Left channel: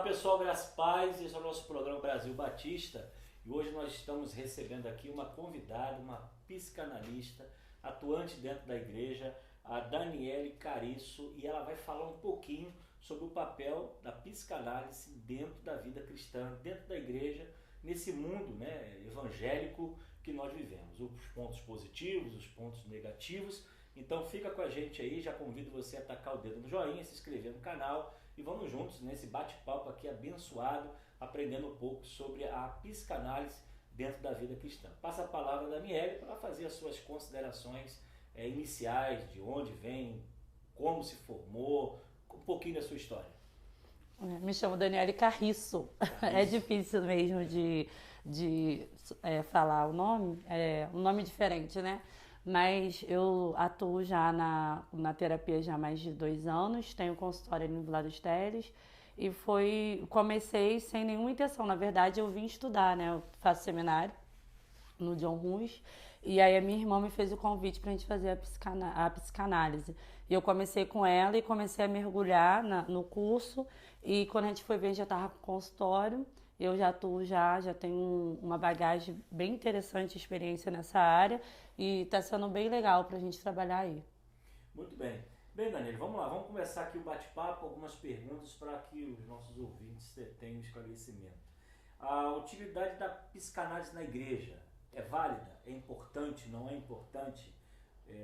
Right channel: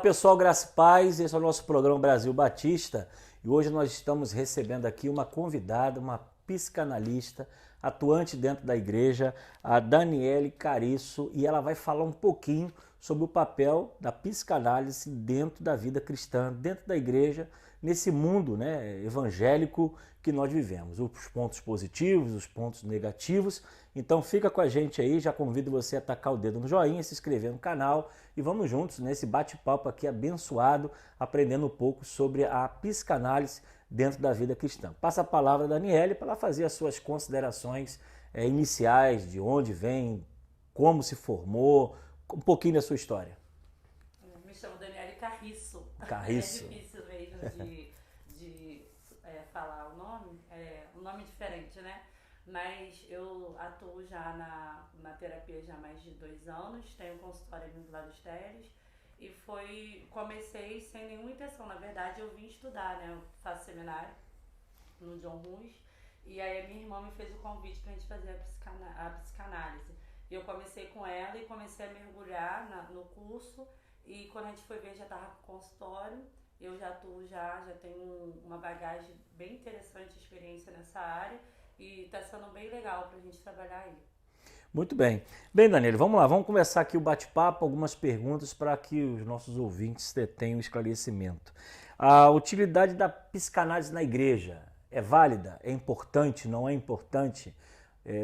pessoal, graça e paz, esse é o nosso programa Brasil Batista e hoje nós estamos recebendo aqui uma convidada, uma psicanalista atuante dentro da igreja, a Daniele Cariço, e ela vai falar um pouquinho sobre o papel da psicanálise dentro da vida cristã, dentro da igreja, nesse mundo, né, evangélico que nós vivemos. Os pontos positivos, os pontos negativos. Então fica com a gente aí, já convido você a tacar o dedo no joinha, se inscrever no canal e vamos juntos nesse bate-papo aqui abençoado, aprendendo um pouco sobre a psicanálise dentro da vida cristã. Passa a palavra a Daniele para ela fazer as suas considerações iniciais, de onde vem, como se formou, um pouquinho da sua história. Me chamo Daniele Cariço. É difícil mesmo de falar o nome, um nome diferente, né? Mas eu atuo já na terapia já há mais de 2 anos, tenho consultório no Vila dos Teles e comecei sem nenhuma intenção. Na verdade, eu vim estudar, né? Eu faço seminário no John Ruiz e aí a minha irmã me fez o convite pra gente fazer a psicanálise. E eu comecei com ela e comecei a mergulhar no curso e quando a gente foi ver já estava com consultório. Eu já atuo, já tenho uma bagagem bem interessante, experiência nessa área e está sendo bem legal para a gente trabalhar aí. Muito bem. Bem, Daniele, vamos lá, vamos começar aqui o bate-papo, algumas perguntas para que os nossos ouvintes tenham esclarecimento. A utilidade da psicanálise na igreja é válida? É importante? Não é importante?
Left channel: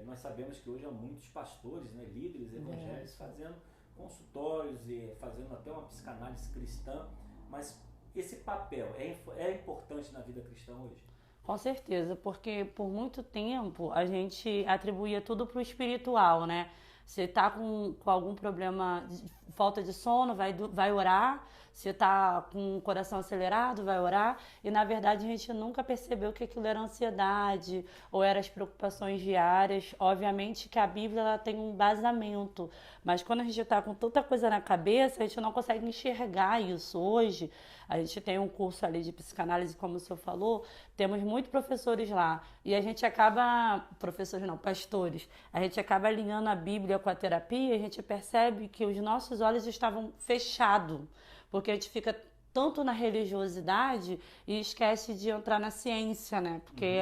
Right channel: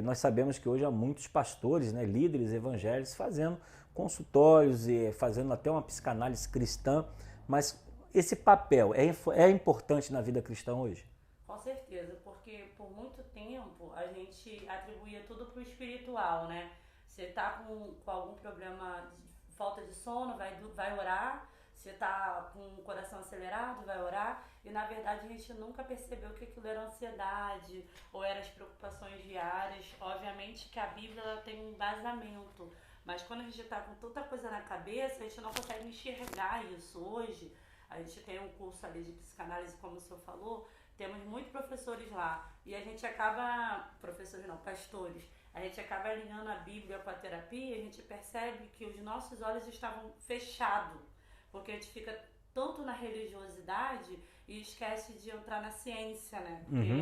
Nós sabemos que hoje há muitos pastores, né, líderes evangélicos fazendo consultórios e fazendo até uma psicanálise cristã, mas esse papel é importante na vida cristã hoje? Com certeza, porque por muito tempo a gente atribuía tudo para o espiritual, né? Você tá com algum problema, falta de sono, vai orar. Se tá com o coração acelerado, vai orar. E na verdade a gente nunca percebeu que aquilo era ansiedade ou eram as preocupações diárias. Obviamente que a Bíblia ela tem um embasamento, mas quando a gente tá com tanta coisa na cabeça, a gente não consegue enxergar isso. Hoje a gente tem um curso ali de psicanálise, como o senhor falou, temos muitos professores lá e a gente acaba, professores não, pastores, a gente acaba alinhando a Bíblia com a terapia e a gente percebe que os nossos olhos estavam fechados, porque a gente fica tanto na religiosidade e esquece de entrar na ciência, né? Porque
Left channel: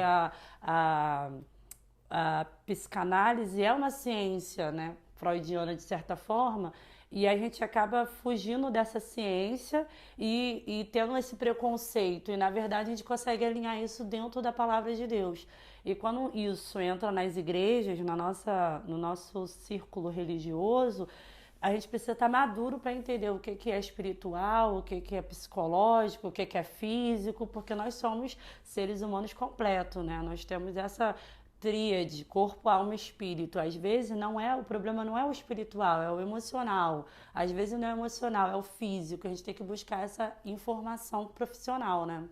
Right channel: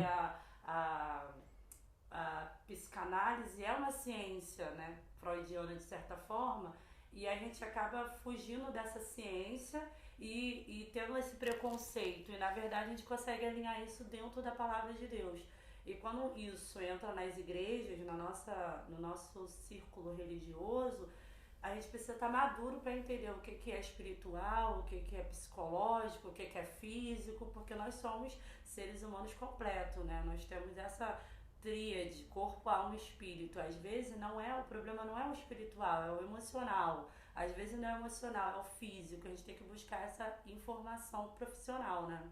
a psicanálise é uma ciência, né, freudiana de certa forma, e a gente acaba fugindo dessa ciência e tendo esse preconceito, e na verdade a gente consegue alinhar isso dentro da palavra de Deus. E quando isso entra nas igrejas, no nosso círculo religioso, a gente precisa estar maduro para entender o que é espiritual, o que é psicológico, o que é físico, porque nós somos seres humanos completos, né? Nós temos essa tríade, corpo, alma e espírito. Às vezes o problema não é o espiritual, é o emocional. Às vezes não é o emocional, é o físico. A gente tem que buscar essa informação profissional, né?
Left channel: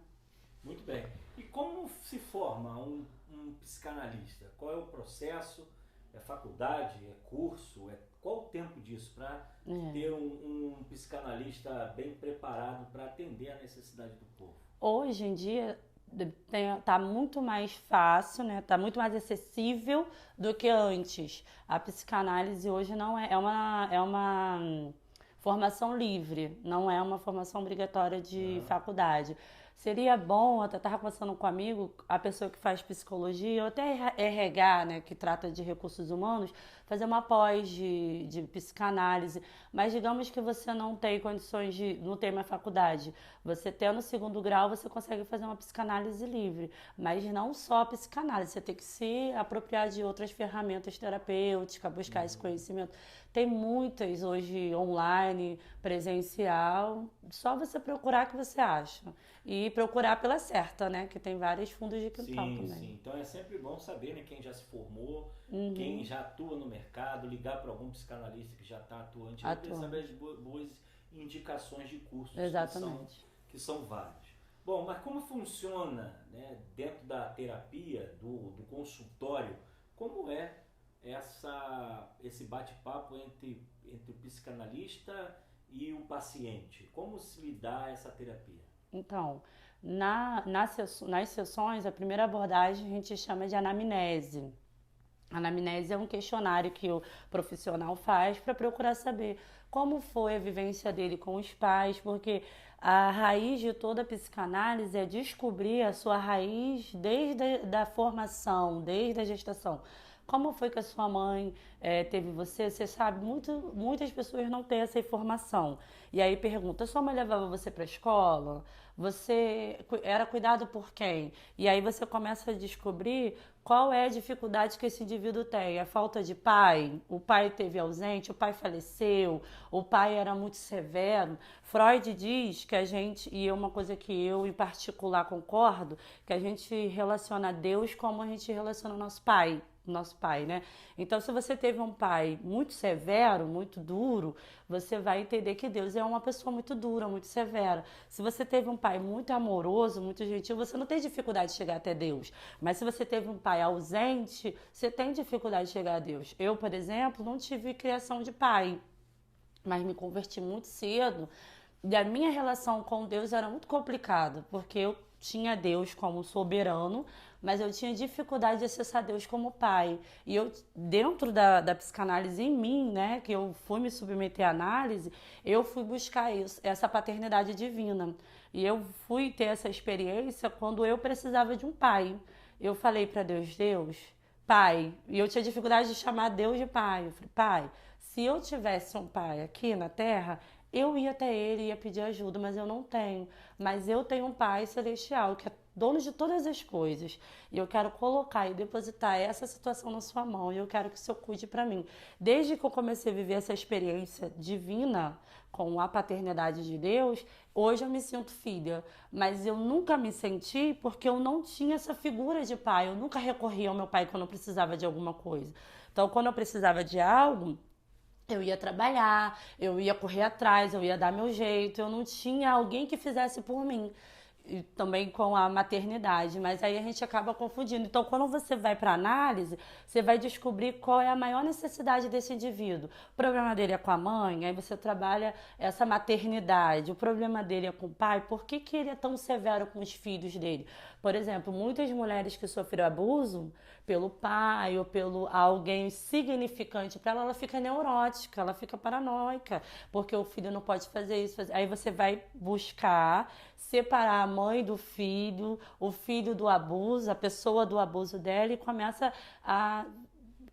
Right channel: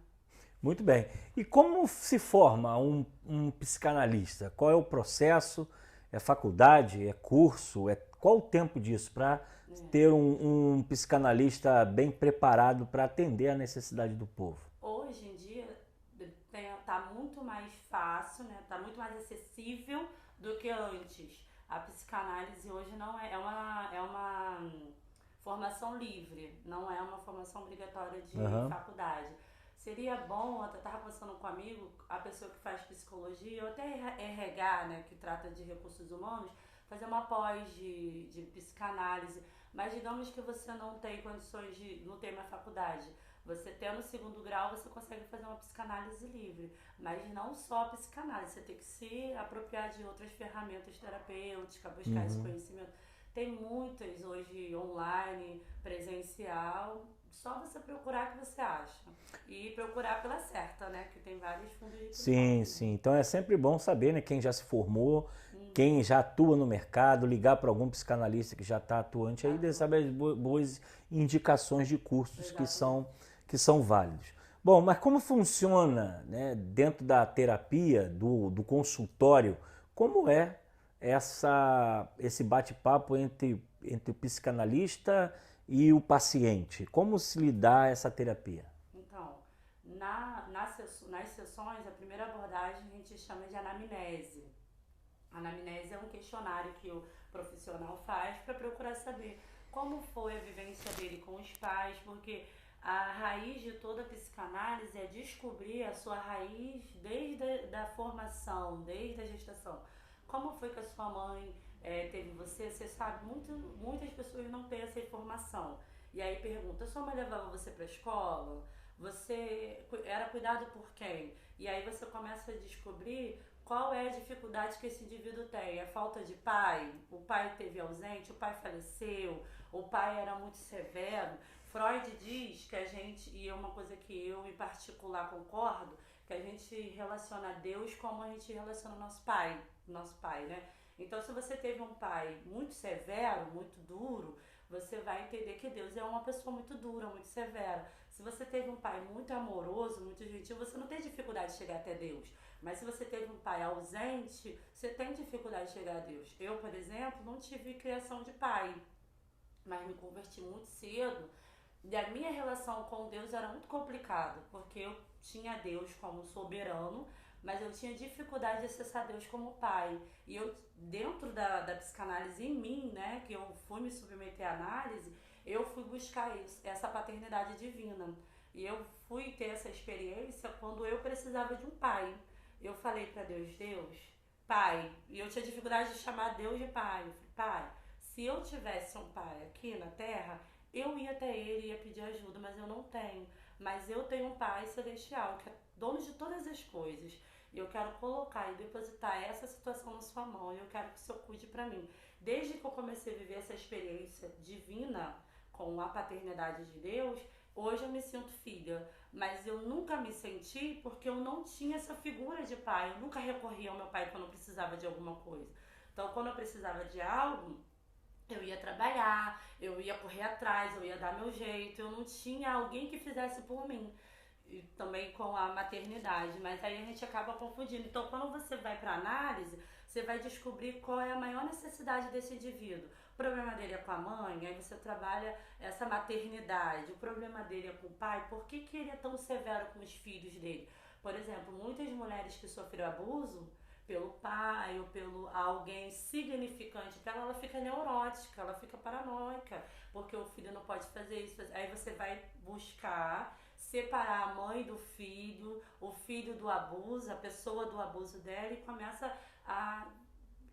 Muito bem. E como se forma um psicanalista? Qual é o processo? É faculdade? É curso? Qual o tempo disso para ter um psicanalista bem preparado para atender a necessidade do povo? Hoje em dia tá muito mais fácil, né? Tá muito mais acessível do que antes. A psicanálise hoje não é uma formação livre, não é uma formação obrigatória de faculdade. Seria bom, até estava conversando com um amigo, a pessoa que faz psicologia, ou até RH, né, que trata de recursos humanos, fazer uma pós de psicanálise. Mas digamos que você não tem condições não tem uma faculdade. Você tendo o 2º grau, você consegue fazer uma psicanálise livre. Mas não só a psicanálise, você tem que se apropriar de outras ferramentas terapêuticas, buscar esse conhecimento. Tem muitas hoje online, presencial, só você procurar que você acha. E procurar pela certa, né? Que tem vários fundos de quintal. Sim, sim. Então é sempre bom saber, né, quem já se formou, quem já atua no mercado, ligar para algum psicanalista que já está atuante, aí saber as boas indicações de cursos que são válidos. Bom, mas como funciona, né, dentro da terapia, do consultório, como é esse bate-papo entre o psicanalista e o paciente? Como se lhe dá essa terapia? Então, nas sessões, a primeira abordagem a gente chama de anamnese. A anamnese é um questionário que o profissional faz para procurar saber como foi a vivência dele com os pais, porque a raiz de toda a psicanálise é descobrir a sua raiz desde a formação, desde a gestação. Como foi que a sua mãe teve você? Você sabe, muitas pessoas não têm essa informação. E aí pergunta, sua mãe levava você para a escola? Você era cuidado por quem? E aí você começa a descobrir qual é a dificuldade que esse indivíduo tem. É falta de pai? O pai teve ausente? O pai faleceu? O pai era muito severo? Freud diz que a gente, e é uma coisa que eu em particular concordo, que a gente relaciona Deus como a gente relaciona nosso pai, né? Então, se você teve um pai muito severo, muito duro, você vai entender que Deus é uma pessoa muito dura, muito severa. Se você teve um pai muito amoroso, muito gentil, você não tem dificuldade de chegar até Deus. Mas se você teve um pai ausente, você tem dificuldade de chegar a Deus. Eu, por exemplo, não tive criação de pai, mas me converti muito cedo. E a minha relação com Deus era muito complicada, porque eu tinha Deus como soberano, mas eu tinha dificuldade de acessar Deus como pai. E eu, dentro da psicanálise em mim, né, que eu fui me submeter à análise, eu fui buscar isso, essa paternidade divina. E eu fui ter essa experiência quando eu precisava de um pai. Eu falei para Deus, Deus, pai, e eu tinha dificuldade de chamar Deus de pai. Eu falei, pai, se eu tivesse um pai aqui na Terra, eu ia até ele, ia pedir ajuda, mas eu não tenho. Mas eu tenho um Pai Celestial, que é dono de todas as coisas. E eu quero colocar e depositar essa situação na sua mão. E eu quero que o Senhor cuide para mim. Desde que eu comecei a viver essa experiência divina com a paternidade de Deus, hoje eu me sinto filha. Mas eu nunca me senti porque eu não tinha essa figura de pai. Eu nunca recorri ao meu pai quando eu precisava de alguma coisa. Então, quando eu precisava de algo, eu ia trabalhar, eu ia correr atrás, eu ia dar meu jeito, eu não tinha alguém que fizesse por mim. E também com a maternidade, mas aí a gente acaba confundindo. Então, quando você vai para análise, você vai descobrir qual é a maior necessidade desse indivíduo. O problema dele é com a mãe, aí você trabalha essa maternidade. O problema dele é com o pai, por que que ele é tão severo com os filhos dele? Por exemplo, muitas mulheres que sofreram abuso pelo pai ou pelo alguém significante para ela, ela fica neurótica, ela fica paranoica, porque o filho não pode fazer isso. Aí você vai buscar separar a mãe do filho, o filho do abuso, a pessoa do abuso dela, e começa a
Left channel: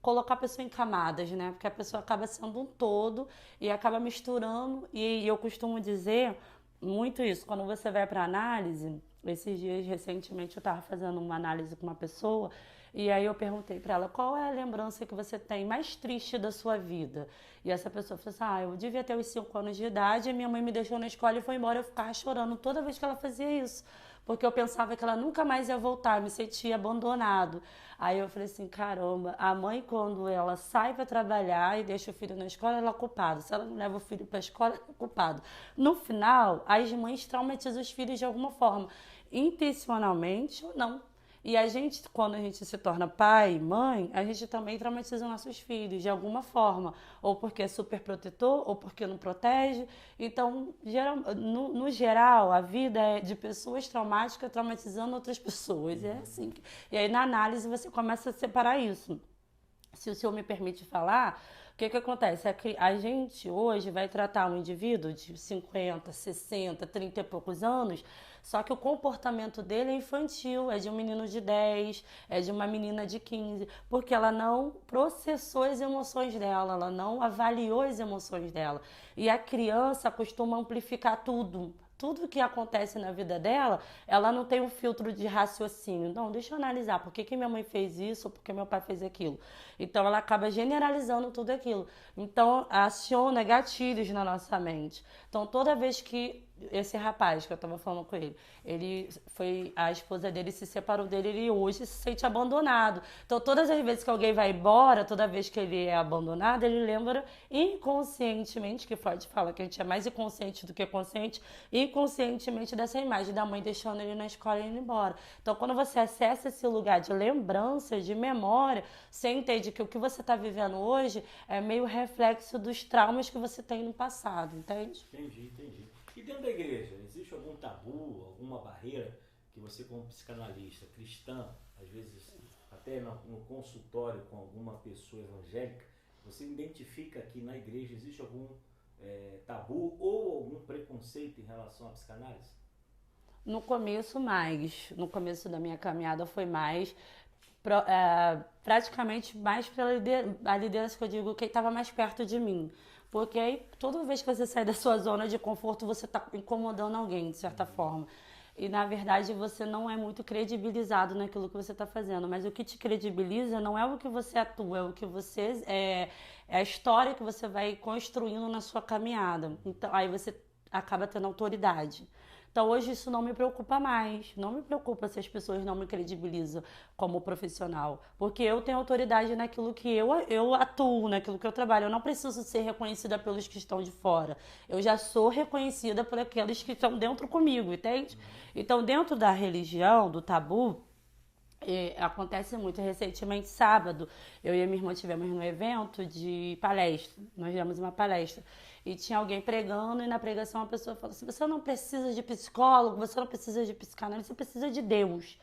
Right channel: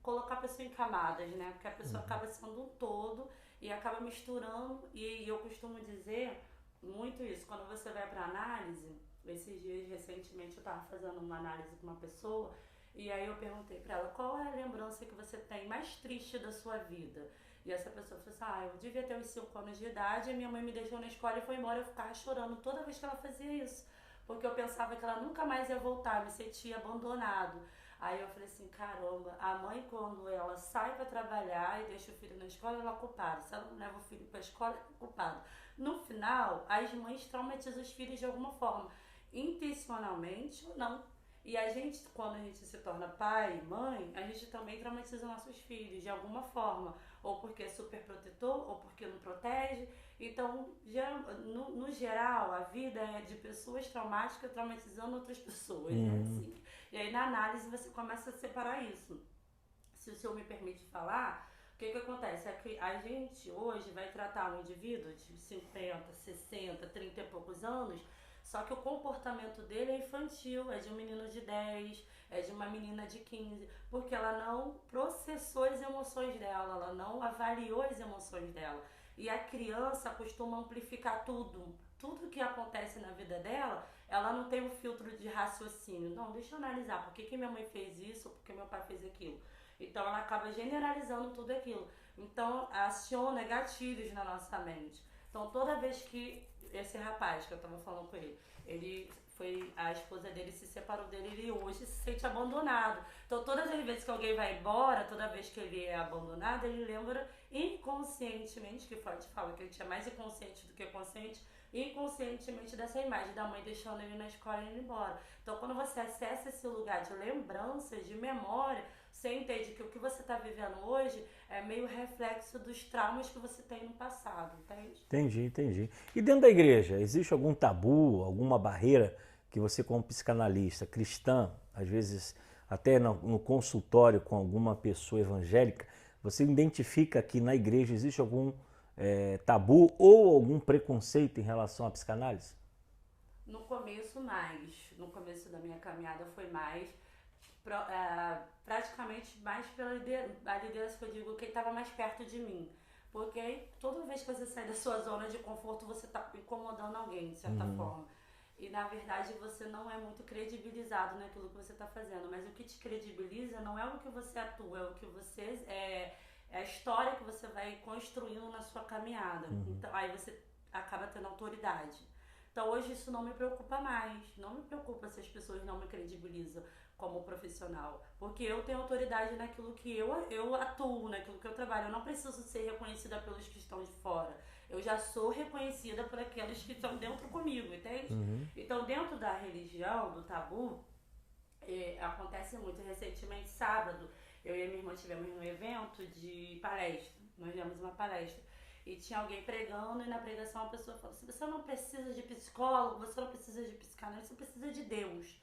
colocar a pessoa em camadas, né? Porque a pessoa acaba sendo um todo e acaba misturando. E eu costumo dizer muito isso, quando você vai para análise. Esses dias, recentemente, eu estava fazendo uma análise com uma pessoa e aí eu perguntei para ela qual é a lembrança que você tem mais triste da sua vida. E essa pessoa falou assim, eu devia ter uns 5 anos de idade e minha mãe me deixou na escola e foi embora. Eu ficava chorando toda vez que ela fazia isso, porque eu pensava que ela nunca mais ia voltar, me sentia abandonado. Aí eu falei assim, caramba, a mãe quando ela sai para trabalhar e deixa o filho na escola, ela é culpada. Se ela não leva o filho para a escola, ela é culpada. No final, as mães traumatizam os filhos de alguma forma, intencionalmente ou não. E a gente, quando a gente se torna pai, mãe, a gente também traumatiza os nossos filhos de alguma forma. Ou porque é super protetor, ou porque não protege. Então, no geral, a vida é de pessoas traumáticas traumatizando outras pessoas. É assim. E aí, na análise, você começa a separar isso. Se o senhor me permite falar, o que acontece? É que a gente hoje vai tratar um indivíduo de 50, 60, 30 e poucos anos. Só que o comportamento dele é infantil, é de um menino de 10, é de uma menina de 15, porque ela não processou as emoções dela, ela não avaliou as emoções dela. E a criança costuma amplificar tudo. Tudo que acontece na vida dela, ela não tem um filtro de raciocínio. Não, deixa eu analisar por que minha mãe fez isso ou por que meu pai fez aquilo. Então ela acaba generalizando tudo aquilo. Então aciona gatilhos na nossa mente. Então toda vez que esse rapaz que eu tava falando com a esposa dele se separou dele, ele hoje se sente abandonado. Então todas as vezes que alguém vai embora, toda vez que ele é abandonado, ele lembra inconscientemente, que Freud fala que a gente é mais inconsciente do que consciente, inconscientemente dessa imagem da mãe deixando ele na escola e indo embora. Então quando você acessa esse lugar de lembrança, de memória, você entende que o que você está vivendo hoje é meio reflexo dos traumas que você tem no passado, entende? Entendi. E dentro da igreja, existe algum tabu, alguma barreira que você, como psicanalista cristã, às vezes até no consultório com alguma pessoa evangélica, você identifica que na igreja existe algum tabu ou algum preconceito em relação à psicanálise? No começo, mais. No começo da minha caminhada foi mais. Praticamente mais pela a liderança que eu digo, quem estava mais perto de mim. Porque aí, toda vez que você sai da sua zona de conforto, você está incomodando alguém, de certa forma. E, na verdade, você não é muito credibilizado naquilo que você está fazendo. Mas o que te credibiliza não é o que você atua, é o que você... É a história que você vai construindo na sua caminhada. Então, aí você acaba tendo autoridade. Então, hoje isso não me preocupa mais. Não me preocupa se as pessoas não me credibilizam como profissional. Porque eu tenho autoridade naquilo que eu atuo, naquilo que eu trabalho. Eu não preciso ser reconhecida pelos que estão de fora. Eu já sou reconhecida por aqueles que estão dentro comigo, entende? Então, dentro da religião, do tabu, acontece muito. Recentemente, sábado, eu e a minha irmã tivemos num evento de palestra. Nós demos uma palestra. E tinha alguém pregando, e na pregação a pessoa falou assim: você não precisa de psicólogo, você não precisa de psicanálise, você precisa de Deus.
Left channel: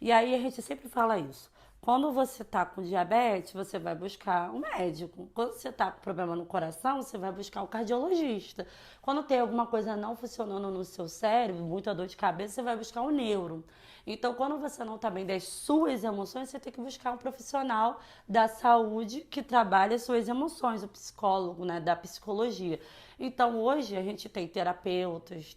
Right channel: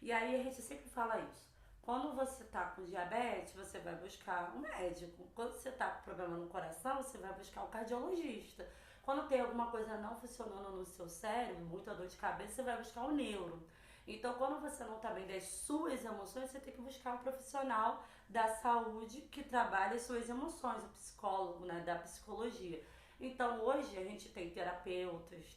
E aí a gente sempre fala isso. Quando você tá com diabetes, você vai buscar um médico. Quando você tá com problema no coração, você vai buscar um cardiologista. Quando tem alguma coisa não funcionando no seu cérebro, muita dor de cabeça, você vai buscar um neuro. Então, quando você não está bem das suas emoções, você tem que buscar um profissional da saúde que trabalha as suas emoções, o psicólogo, né, da psicologia. Então, hoje a gente tem terapeutas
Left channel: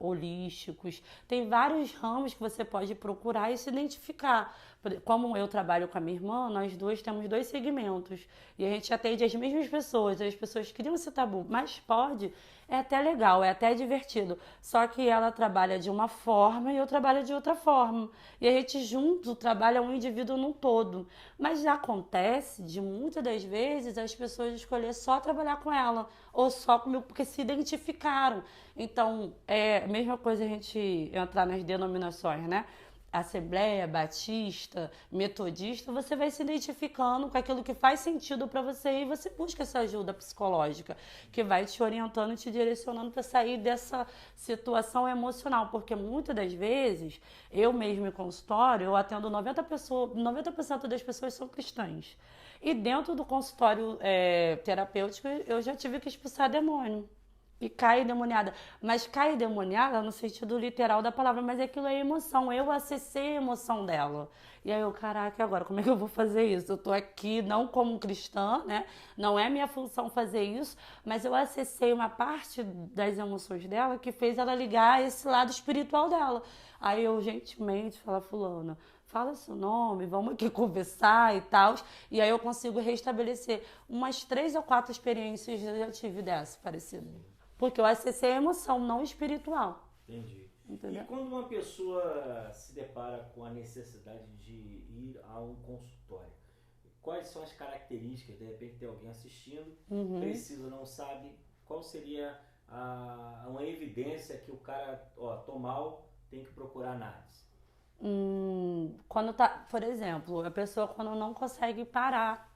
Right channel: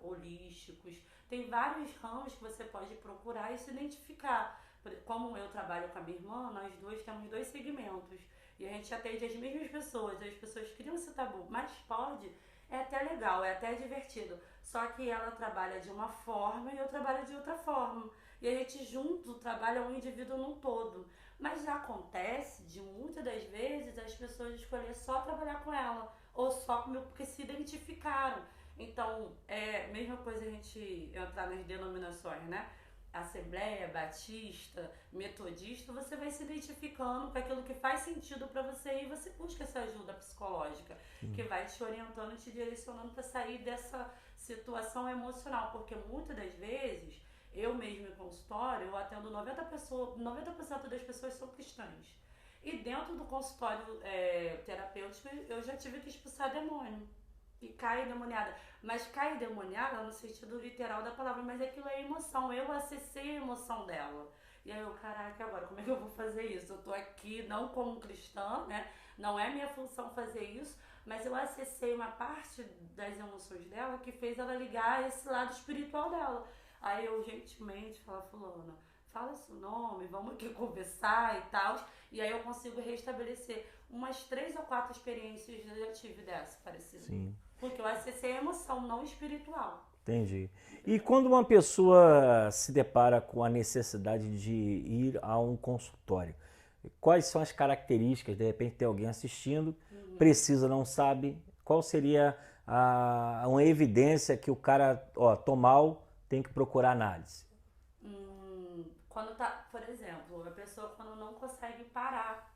holísticos, tem vários ramos que você pode procurar e se identificar. Como eu trabalho com a minha irmã, nós duas temos 2 segmentos e a gente atende as mesmas pessoas. As pessoas criam esse tabu, mas pode, é até legal, é até divertido. Só que ela trabalha de uma forma e eu trabalho de outra forma. E a gente junto trabalha um indivíduo num todo. Mas já acontece de muitas das vezes as pessoas escolher só trabalhar com ela ou só comigo porque se identificaram. Então, é a mesma coisa a gente entrar nas denominações, né? Assembleia, Batista, Metodista, você vai se identificando com aquilo que faz sentido para você e você busca essa ajuda psicológica que vai te orientando e te direcionando para sair dessa situação emocional, porque muitas das vezes, eu mesmo em consultório, eu atendo 90% das pessoas são cristãs. E dentro do consultório terapêutico, eu já tive que expulsar demônio. E cai endemoniada. Mas cai endemoniada no sentido literal da palavra, mas aquilo é emoção. Eu acessei a emoção dela. E aí eu, caraca, agora como é que eu vou fazer isso? Eu tô aqui não como cristã, né? Não é minha função fazer isso, mas eu acessei uma parte das emoções dela que fez ela ligar esse lado espiritual dela. Aí eu gentilmente falo: fulana, fala seu nome, vamos aqui conversar e tal. E aí eu consigo restabelecer. Umas 3 ou 4 experiências eu já tive dessa parecida. Sim. Porque eu acessei a emoção, não espiritual. Entendi. Entendeu? E quando uma pessoa se depara com a necessidade de ir a um consultório, quais são as características? De repente tem alguém assistindo, precisa, não sabe, qual seria uma evidência que o cara, tô mal, tem que procurar análise? Quando por exemplo, a pessoa quando não consegue parar,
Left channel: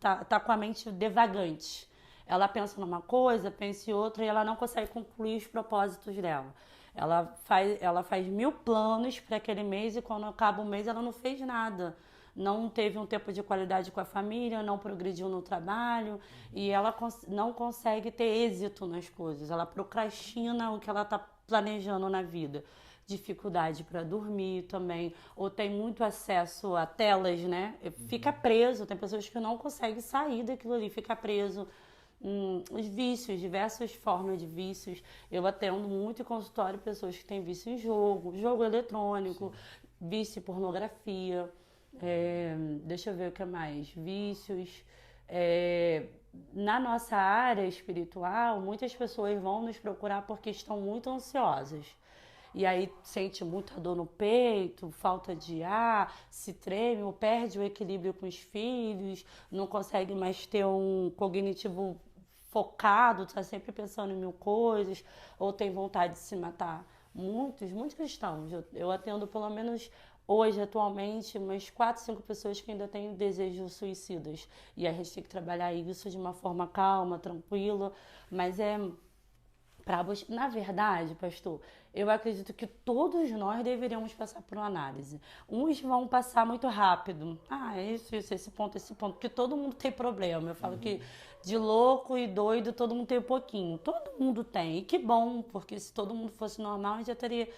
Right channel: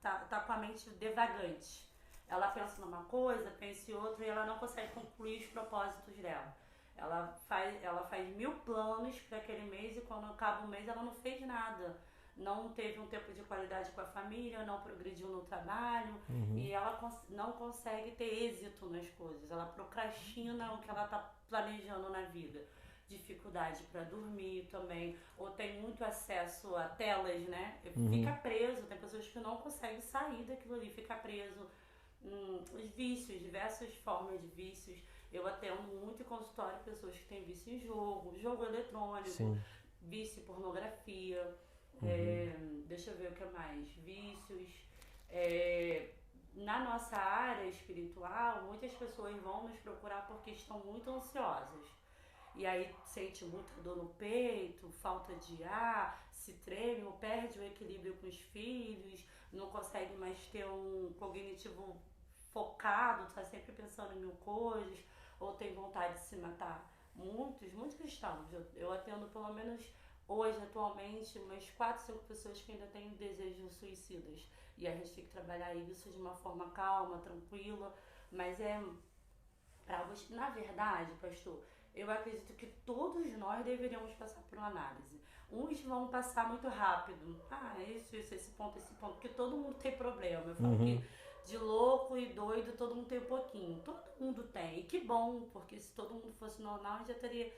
tá com a mente devagante. Ela pensa numa coisa, pensa em outra e ela não consegue concluir os propósitos dela. Ela faz 1000 planos para aquele mês e quando acaba o mês ela não fez nada. Não teve um tempo de qualidade com a família, não progrediu no trabalho e ela não consegue ter êxito nas coisas. Ela procrastina o que ela está planejando na vida. Dificuldade para dormir também, ou tem muito acesso a telas, né? Fica preso, tem pessoas que não conseguem sair daquilo ali, fica preso. Os vícios, diversas formas de vícios. Eu atendo muito em consultório pessoas que têm vício em jogo eletrônico, vício em pornografia, deixa eu ver o que mais, vícios. Na nossa área espiritual, muitas pessoas vão nos procurar porque estão muito ansiosas. E aí sente muita dor no peito, falta de ar, se treme ou perde o equilíbrio com os filhos, não consegue mais ter um cognitivo focado, está sempre pensando em 1000 coisas, ou tem vontade de se matar. Muitos cristãos. Eu atendo pelo menos hoje, atualmente, umas 4, 5 pessoas que ainda têm desejos suicidas. E a gente tem que trabalhar isso de uma forma calma, tranquila, mas na verdade, pastor, eu acredito que todos nós deveríamos passar por uma análise. Uns vão passar muito rápido. Ah, isso, esse ponto, porque todo mundo tem problema. Eu falo que de louco e doido todo mundo tem um pouquinho. Todo mundo tem. E que bom, porque se todo mundo fosse normal, a gente já teria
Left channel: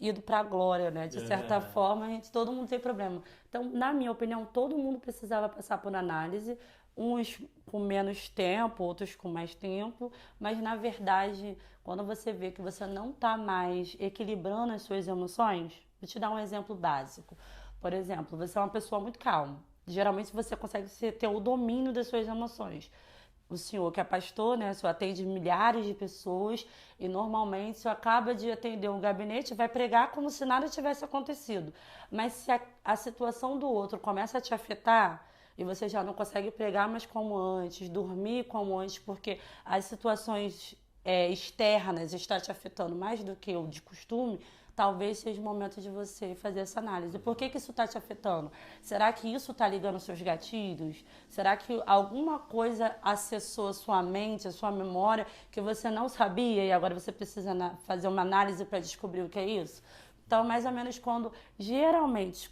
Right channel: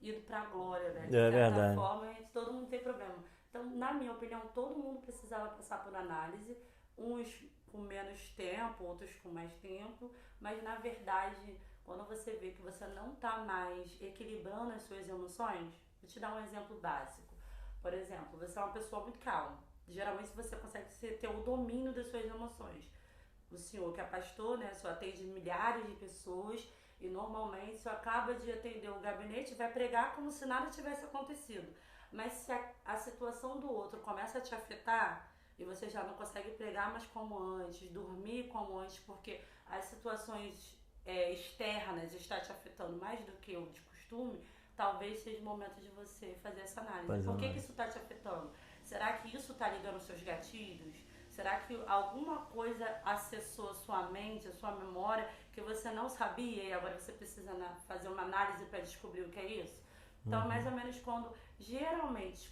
ido para a glória, né? De certa forma, todo mundo tem problema. Então, na minha opinião, todo mundo precisava passar por análise. Uns com menos tempo, outros com mais tempo, mas na verdade, quando você vê que você não está mais equilibrando as suas emoções, vou te dar um exemplo básico. Por exemplo, você é uma pessoa muito calma. Geralmente você consegue ter o domínio das suas emoções. O senhor que é pastor, né, o senhor atende milhares de pessoas e normalmente o senhor acaba de atender um gabinete e vai pregar como se nada tivesse acontecido. Mas se a situação do outro começa a te afetar, e você já não consegue pregar mais como antes, dormir como antes, porque as situações externas estão te afetando mais do que o de costume, talvez seja o momento de você fazer essa análise. Por que isso está te afetando? Será que isso está ligando aos seus gatilhos? Será que alguma coisa acessou a sua mente, a sua memória, que você não sabia e agora você precisa fazer uma análise para descobrir o que é isso? Então, mais ou menos geralmente,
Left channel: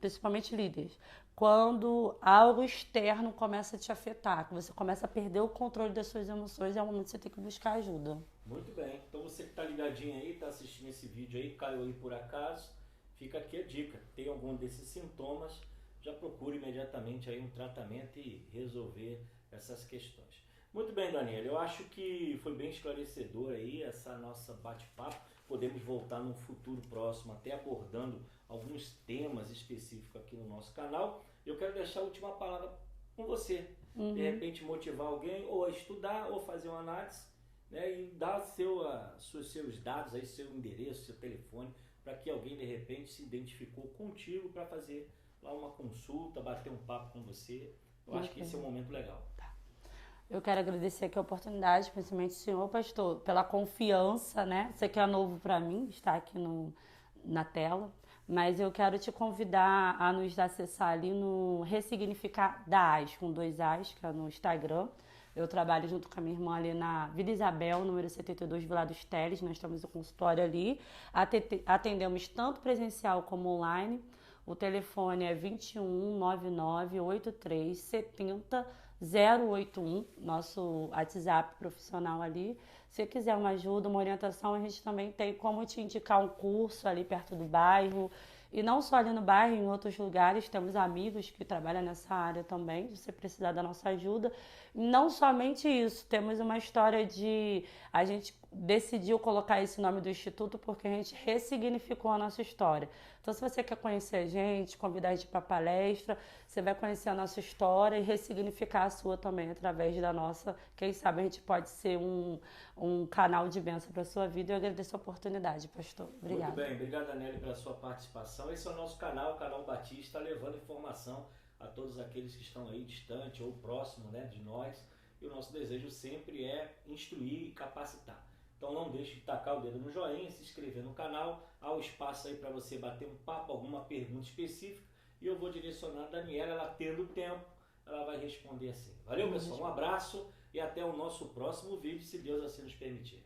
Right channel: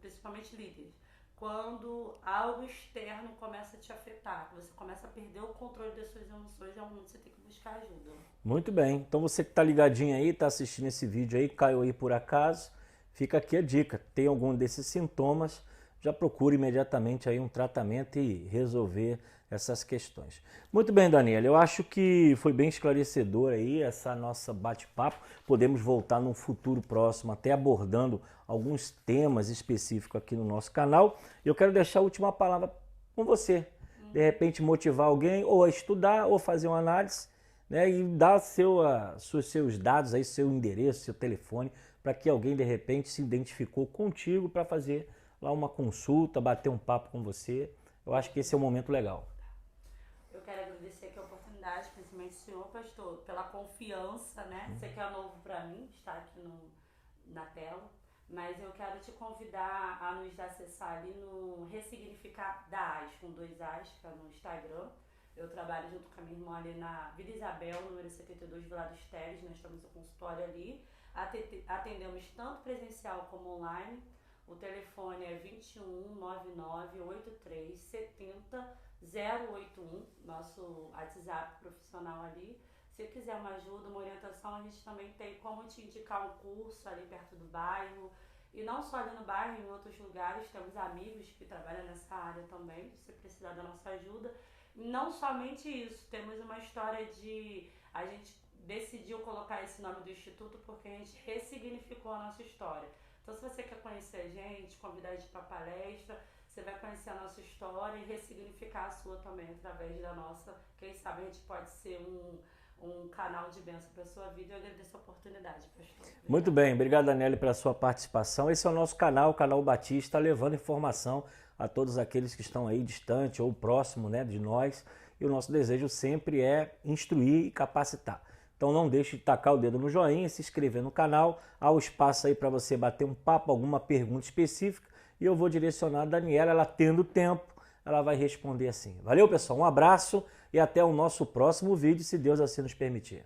principalmente líderes, quando algo externo começa a te afetar, que você começa a perder o controle das suas emoções, é o momento que você tem que buscar ajuda. Muito bem. Então você que está ligadinho aí, está assistindo esse vídeo aí, caiu aí por acaso, fica aqui a dica. Tem algum desses sintomas, já procure imediatamente aí um tratamento e resolver essas questões. Muito bem, Daniela, eu acho que foi bem esclarecedor aí essa nossa bate-papo. Podemos voltar num futuro próximo, até abordando alguns temas específicos aqui no nosso canal. Eu quero deixar a última palavra com você. De repente motivar alguém ou a estudar ou fazer uma análise, né, e dar seus dados, aí, seu endereço, seu telefone, para que alguém de repente se identificou contigo para fazer lá uma consulta, bater um papo com você. Eu acho que esse é um momento legal. Eu quero agradecer aqui a oportunidade, principalmente o senhor, pastor, pela confiança, né? Você que é novo para mim, está aqui na tela, mas eu quero te convidar a nos acessar ali no Ressignificar da AS, com 2 As, que é no Instagram. Eu trabalho junto com a minha irmã ali na Vila Isabel, número 72, Vila dos Teles. Nós estamos no consultório ali. Atendemos tanto presencial como online. O telefone é 2199-8370-081, nosso WhatsApp profissional ali. Se quiser uma ajuda, uma orientação, a gente também tem como te indicar um curso ali perto do bairro. E não só ali no bairro, em outros lugares, temos amigos que trabalham nessa área também, se você precisar da nossa ajuda. Não somente isso, temos uma história a gente decidiu colocar esse nome do Instituto porque a gente ressignificou a nossa história. Então, se você quer conhecer a gente, convidar a gente para palestra, você vai conhecer a nossa história e ressignificar a sua também através da nossa. Quem sabe a gente pode ser um canal de bênção para a sua vida. Eu agradeço a oportunidade, pastor. Obrigada. Muito bem, obrigado, Daniela, pela sua participação. Esse é o nosso canal, o Canal Batista, levando informação a todos aqueles que estão aí distante ou próximo, né, de nós. E o nosso desejo sempre é instruir e capacitar. Então não deixe de tacar o dedo no joinha, se inscrever no canal. Há o espaço aí para você bater um papo, alguma pergunta específica. E eu vou direcionar a Daniela, ela tendo tempo, ela vai responder assim. Valeu, pessoal, um abraço e até o nosso próximo vídeo, se Deus assim nos permitir.